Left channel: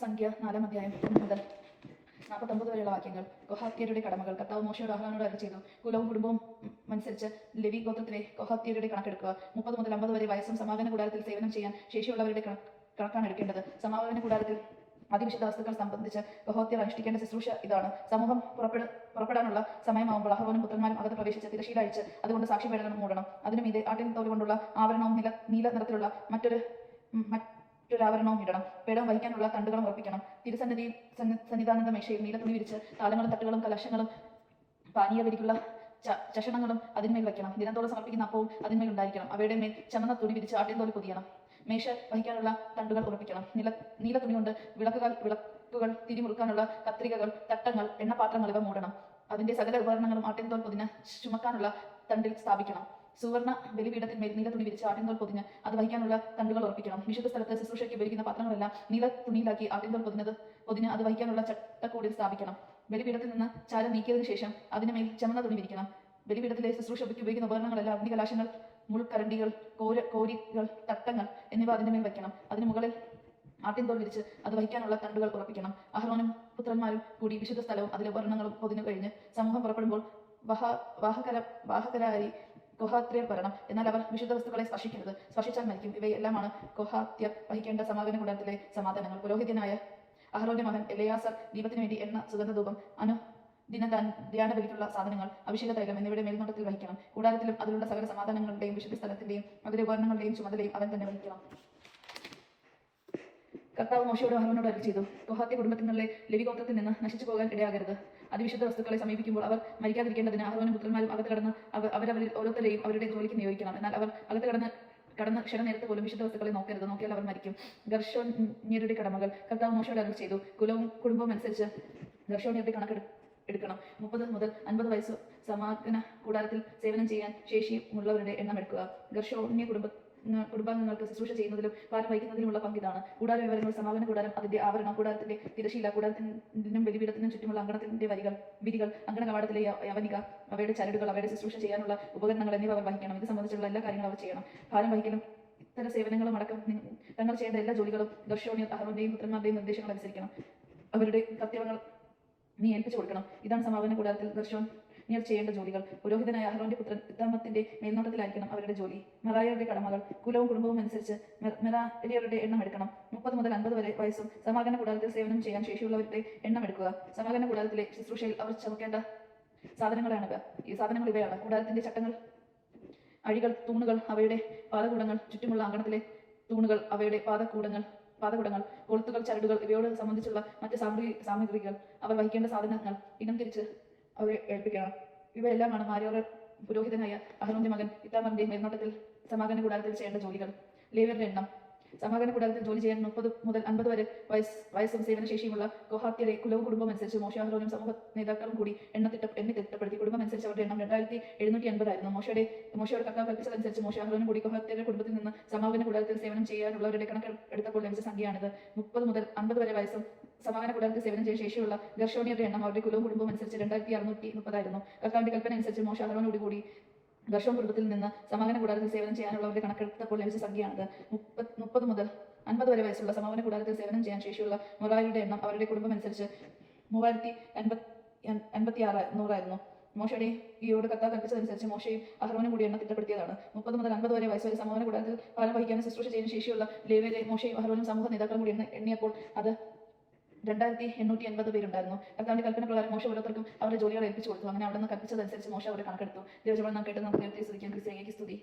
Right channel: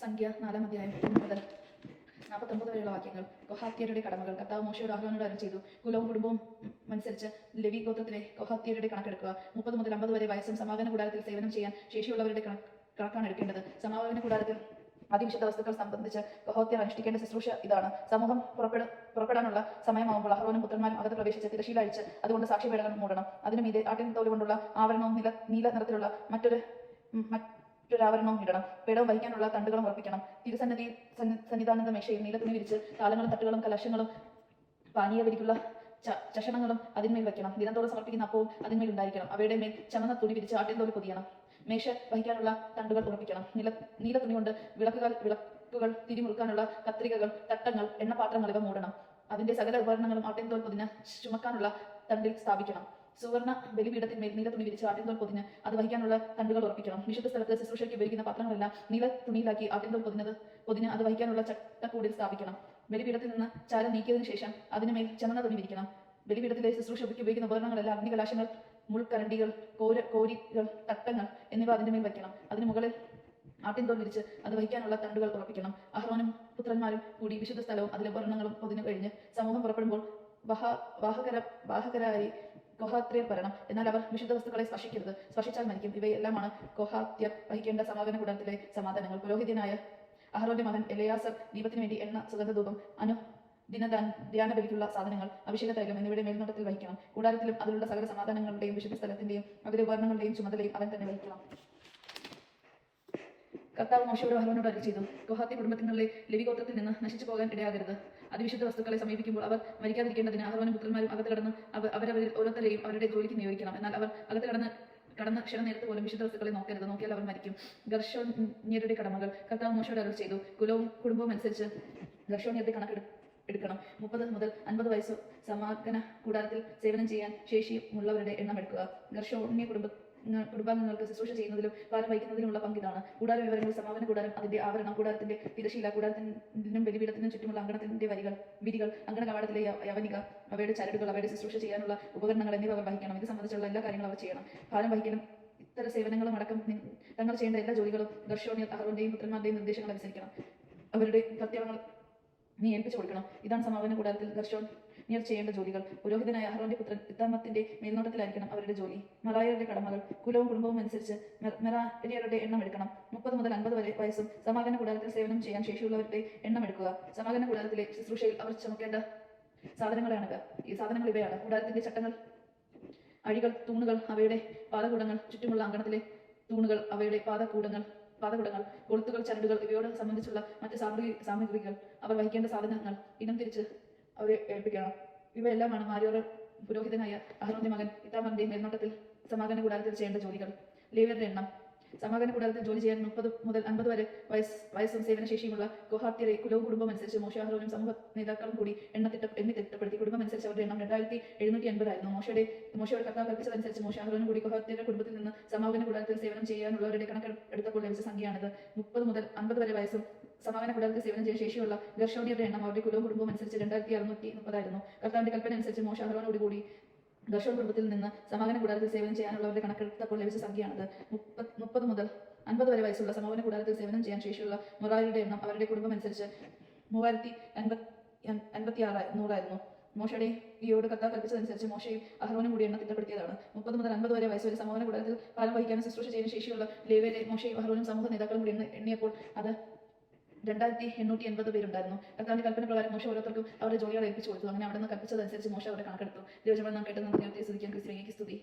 സംഖ്യ 4-ാം അധ്യായം 1 മുതൽ 49 വരെയുള്ള വാക്യങ്ങൾ. കൊഹാത്യരുടെ കടമകൾ. കർത്താവ് മോശയോട് അഹ്റോനോട് അരുളിച്ചെയ്തു, കുലവും കുടുംബവും അനുസരിച്ച് ലെവി ഗോത്രത്തിലെ കൊഹാത്യരുടെ കണക്കെടുക്കുക. 30 മുതൽ 50 വരെ വയസ്സും സമാഗമന കൂടാരത്തിൽ സേവനം ചെയ്യാൻ ശേഷിയുള്ളവരുടെ കണക്കാണ് എടുക്കേണ്ടത്. സമാഗമന കൂടാരത്തിൽ അതിവിശുദ്ധ വസ്തുക്കൾ സംബന്ധിച്ച് കൊഹാത്യർ അനുഷ്ഠിക്കേണ്ട ശുശ്രൂഷ ഇതാണ്. സമൂഹം പുറപ്പെടാനുള്ള സമയമാകുമ്പോൾ അഹ്റോനും പുത്രന്മാരും അകത്ത് പ്രവേശിച്ച് തിരശ്ശീല അഴിച്ച് അതുകൊണ്ട് സാക്ഷ്യപീഠകം മൂടണം. അതിനു മീതെ ആട്ടിൻ തോല് കൊണ്ടുള്ള ആവരണവും നീല നിറത്തിലുള്ള മറ്റൊരാവരണവും ഇടണം. പേടവും വഹിക്കാനുള്ള തണ്ടുകളും ഉറപ്പിക്കണം. സന്നിധാനത്തെ മേശയിൽ നീല തുണി വിരിച്ച് താലങ്ങളും തട്ടുകളും കലശങ്ങളും പാനീയവരിക്കുള്ള ചഷണങ്ങളും അതിന്മേൽ വയ്ക്കണം. ദിനത്തോളം സമർപ്പിക്കുന്ന അപ്പവും അതിന്മേൽ ഉണ്ടായിരിക്കണം. അവയുടെ മേൽ ചമന്ന തുണി വിരിച്ച് ആട്ടിൻ തോല് പൊതിയണം. മേശ വഹിക്കാനുള്ള തണ്ടുകൾ ഉറപ്പിക്കണം. നീല തുണി കൊണ്ട് വിളക്കുകൾ തിരിമുറുക്കാനുള്ള കത്രികകൾ, തട്ടങ്ങൾ, എണ്ണപാത്രങ്ങൾ ഇവ മൂടണം. അതിന്റെ സകല ഉപകരണങ്ങളും ആട്ടിൻതോൽ പൊതിഞ്ഞ് ചുമക്കാനുള്ള തണ്ടിൽ സ്ഥാപിക്കണം. സുവർണ ബലിപീഠത്തിന്മേൽ നീല തുണി വിരിച്ച് ആട്ടിൻതോൽ പൊതിഞ്ഞ് അത് വഹിക്കാനുള്ള തണ്ടുകൾ ഉറപ്പിക്കണം. വിശുദ്ധ സ്ഥലത്ത് ശുശ്രൂഷയ്ക്ക് ഉപയോഗിക്കുന്ന പാത്രങ്ങളെല്ലാം നീല തുണിയിലാക്കി ആട്ടിൻതോൽ പൊതിഞ്ഞ് അത് വഹിക്കാനുള്ള ചട്ടക്കൂടിൽ സ്ഥാപിക്കണം. ബലിപീഠത്തിൽ നിന്ന് ചാരം നീക്കിയതിനു ശേഷം അതിനുമേൽ ചുമന്ന തുണി വിരിക്കണം. ബലിപീഠത്തിലെ ശുശ്രൂഷയ്ക്ക് ഉപയോഗിക്കുന്ന ഉപകരണങ്ങളെല്ലാം അഗ്നികലാശങ്ങൾ, മുൾക്കരണ്ടികൾ, കോരികൾ, തട്ടങ്ങൾ എന്നിവ അതിന്റെ മേൽ വയ്ക്കണം. അതിനു മുകളിൽ ആട്ടിൻതോൽ വിരിച്ച് അത് വഹിക്കാനുള്ള തണ്ടുകൾ ഉറപ്പിക്കണം. അഹ്റോനും പുത്രന്മാരും കൂടി വിശുദ്ധ സ്ഥലവും അതിലെ ഉപകരണങ്ങളും പൊതിഞ്ഞു കഴിഞ്ഞ് സമൂഹം പുറപ്പെടുമ്പോൾ വാഹകരായി കൊഹാത്യർ വരണം. എന്നാൽ അവർ വിശുദ്ധ വസ്തുക്കളെ സ്പർശിക്കരുത്, സ്പർശിച്ചാൽ മരിക്കും. ഇവയെല്ലാമാണ് കൊഹാത്യർ വഹിക്കേണ്ട സമാഗമന കൂടാരത്തിലെ സമാധാനങ്ങൾ. പുരോഹിതനായ അഹ്റോന്റെ മകൻ എലെയാസർ ദീപത്തിനു വേണ്ടി എണ്ണ, സുഗന്ധധൂപം, ധ്യാന ബലിക്കുള്ള സാധനങ്ങൾ, അഭിഷേക തൈലം എന്നിവയുടെ മേൽനോട്ടത്തിൽ വഹിക്കണം. കൂടാരത്തിലും അതിലുള്ള സകല സമാധാനങ്ങളുടെയും വിശുദ്ധ സ്ഥലത്തിന്റെയും അതിലെ ഉപകരണങ്ങളുടെയും ചുമതലയും അവൻ തന്നെ വഹിക്കണം. കർത്താവ് മോശയോട് അഹ്റോനോട് അരുളിച്ചെയ്തു, കൊഹാത്യ കുടുംബത്തിനുള്ളിലെ ലെവി ഗോത്രത്തിൽ നിന്ന് നശിച്ചു പോകാൻ ഇടയാകരുത്. അതിവിശുദ്ധ വസ്തുക്കളെ സമീപിക്കുമ്പോൾ അവർ മരിക്കാതിരിക്കേണ്ടതിന് അഹ്റോനും പുത്രന്മാരും അകത്ത് കടന്ന് അവരവരിൽ ഓരോരുത്തരെയും അവരുടെ ജോലിക്ക് നിയോഗിക്കണം. എന്നാൽ അവർ അകത്ത് കടന്ന് ക്ഷണനേരത്ത് പോലും വിശുദ്ധ വസ്തുക്കളെ നോക്കരുത്, നോക്കിയാൽ അവർ മരിക്കും. ഗർശോന്യരുടെ കടമകൾ. കർത്താവ് മോശയോട് അരുളിച്ചെയ്തു, കുലവും കുടുംബവും അനുസരിച്ച് ഗർശോന്യരുടെ കണക്കെടുക്കണം. 30 മുതൽ 50 വയസ്സ് സമാഗമന കൂടാരത്തിൽ സേവനം ചെയ്യാൻ ശേഷിയുള്ളവരുടെ എണ്ണം എടുക്കുക. ഗർശോന്യ കുടുംബാംഗങ്ങൾക്ക് ശുശ്രൂഷ ചെയ്യുന്നതിലും പാലം വഹിക്കുന്നതിനുമുള്ള പങ്കിതാണ്. കൂടാര വിവരങ്ങൾ. സമാഗമന കൂടാരം, അതിന്റെ ആവരണം, കൂടാരത്തിന്റെ തിരശ്ശീല, കൂടാരത്തിനും ബലിപീഠത്തിനും ചുറ്റുമുള്ള അങ്കണത്തിന്റെ വിരികൾ, അങ്കണ കവാടത്തിലെ യവനിക, അവയുടെ ചരടുകൾ, അവയുടെ ശുശ്രൂഷ ചെയ്യാനുള്ള ഉപകരണങ്ങൾ എന്നിവ അവർ വഹിക്കണം. ഇത് സംബന്ധിച്ചുള്ള എല്ലാ കാര്യങ്ങളും അവർ ചെയ്യണം. പാലം വഹിക്കലും ഇത്തര സേവനങ്ങളും അടക്കം തങ്ങൾ ചെയ്യേണ്ട എല്ലാ ജോലികളും ഗർശോന്യർ അഹ്റോന്റെയും പുത്രന്മാരുടെയും നിർദ്ദേശങ്ങൾ അനുസരിക്കണം. അവരുടെ കർത്തവ്യങ്ങൾ നീ ഏൽപ്പിച്ചു കൊടുക്കണം. ഇതാണ് സമാഗമന കൂടാരത്തിൽ ഗർശോന്യർ ചെയ്യേണ്ട ജോലികൾ. പുരോഹിതനായ അഹ്റോന്റെ പുത്രൻ ഇത്താമത്തിന്റെ മേൽനോട്ടത്തിലായിരിക്കണം അവരുടെ ജോലി. മറായരുടെ കടമകൾ. കുലവും കുടുംബവും അനുസരിച്ച് മെറാര്യരുടെ എണ്ണം എടുക്കണം. 30 മുതൽ 50 വരെ വയസ്സും സമാഗമന കൂടാരത്തിൽ സേവനം ചെയ്യാൻ ശേഷിയുള്ളവരുടെ എണ്ണം എടുക്കുക. സമാഗമന കൂടാരത്തിലെ ശുശ്രൂഷയിൽ അവർ ചുമക്കേണ്ട ഈ സാധനങ്ങൾ ഇവയാണ്: കൂടാരത്തിന്റെ ചട്ടങ്ങൾ, അഴികൾ, തൂണുകൾ, അവയുടെ പാദകൂടങ്ങൾ, ചുറ്റുമുള്ള അങ്കണത്തിലെ തൂണുകൾ, അവയുടെ പാദകുടങ്ങൾ, കൊളുത്തുകൾ, ചരടുകൾ, ഇവയോട് സംബന്ധിച്ചുള്ള മറ്റ് സാമഗ്രികൾ, അവർ വഹിക്കേണ്ട സാധനങ്ങൾ ഇനം തിരിച്ച് അവരെ ഏൽപ്പിക്കണം. ഇവയെല്ലാമാണ് മാര്യോർ പുരോഹിതനായ അഹ്റോന്റെ മകൻ ഇത്താമാറിന്റെ മേൽനോട്ടത്തിൽ സമാഗമന കൂടാരത്തിൽ ചെയ്യേണ്ട ജോലികൾ. ലേവ്യരുടെ എണ്ണം. സമാഗമന കൂടാരത്തിൽ ജോലി ചെയ്യാൻ 30 മുതൽ 50 വരെ വയസ്സും സേവനശേഷിയുമുള്ള കൊഹാത്യരെ കുലവും കുടുംബം അനുസരിച്ച് മോശ, അഹ്റോനും സമൂഹ നേതാക്കളും കൂടി എണ്ണി തിട്ടപ്പെടുത്തി. കുടുംബം അനുസരിച്ച് അവരുടെ എണ്ണം 2780 ആയിരുന്നു. മോശയോട് കർത്താവ് കൽപ്പിച്ചതനുസരിച്ച് മോശ, അഹ്റോനും കൂടി കൊഹാത്യരുടെ കുടുംബത്തിൽ നിന്ന് സമാഗമന കൂടാരത്തിൽ സേവനം ചെയ്യാനുള്ളവരുടെ കണക്കെടുത്തപ്പോൾ ലഭിച്ച സംഖ്യയാണിത്. 30 മുതൽ 50 വരെ വയസ്സും സമാഗമന കൂടാരത്തിൽ സേവനം ചെയ്യാൻ ശേഷിയുള്ള ഗർശോന്യരുടെ എണ്ണം അവരുടെ കുലവും കുടുംബവും അനുസരിച്ച് 2630 ആയിരുന്നു. കർത്താവിന്റെ കൽപ്പന അനുസരിച്ച് മോശ, അഹ്റോനോട് കൂടി ഗർശോൻ കുടുംബത്തിൽ നിന്ന് സമാഗമന കൂടാരത്തിൽ സേവനം ചെയ്യാനുള്ളവരുടെ കണക്കെടുത്തപ്പോൾ ലഭിച്ച സംഖ്യയാണിത്. 30 മുതൽ 50 വരെ വയസ്സുള്ള സമാഗമന കൂടാരത്തിൽ സേവനം ചെയ്യാൻ ശേഷിയുള്ള മൊറായരുടെ എണ്ണം അവരുടെ കുടുംബം അനുസരിച്ച് 3056 ആയിരുന്നു. മോശയുടെ ഈയോട് കർത്താവ് കൽപ്പിച്ചതനുസരിച്ച് മോശയും അഹ്റോനും കൂടി എണ്ണം തിട്ടപ്പെടുത്തിയതാണ്. 30 മുതൽ 50 വരെ വയസ്സുവരെ സമാഗമന കൂടാരത്തിൽ ഫലം വഹിക്കാനും ശുശ്രൂഷ ചെയ്യാൻ ശേഷിയുള്ള ലേവ്യരെ മോശയും അഹ്റോനും സമൂഹ നേതാക്കളും കൂടി എണ്ണിയപ്പോൾ അത് 2880 പേരുണ്ടായിരുന്നു. കർത്താവിന്റെ കൽപ്പന പ്രകാരം മോശ ഓരോരുത്തർക്കും അവരുടെ ജോലികൾ ഏൽപ്പിച്ചു കൊടുത്തു. അങ്ങനെ അവിടെ നിന്ന് കൽപ്പിച്ചതനുസരിച്ച് മോശ അവരെ കണക്കെടുത്തു. ദൈവജനം നാം കേട്ടത് നമുക്ക് നേരത്തെ സ്തുതിക്കാൻ. ക്രിസ്ത്യാനിക്ക് സ്തുതി.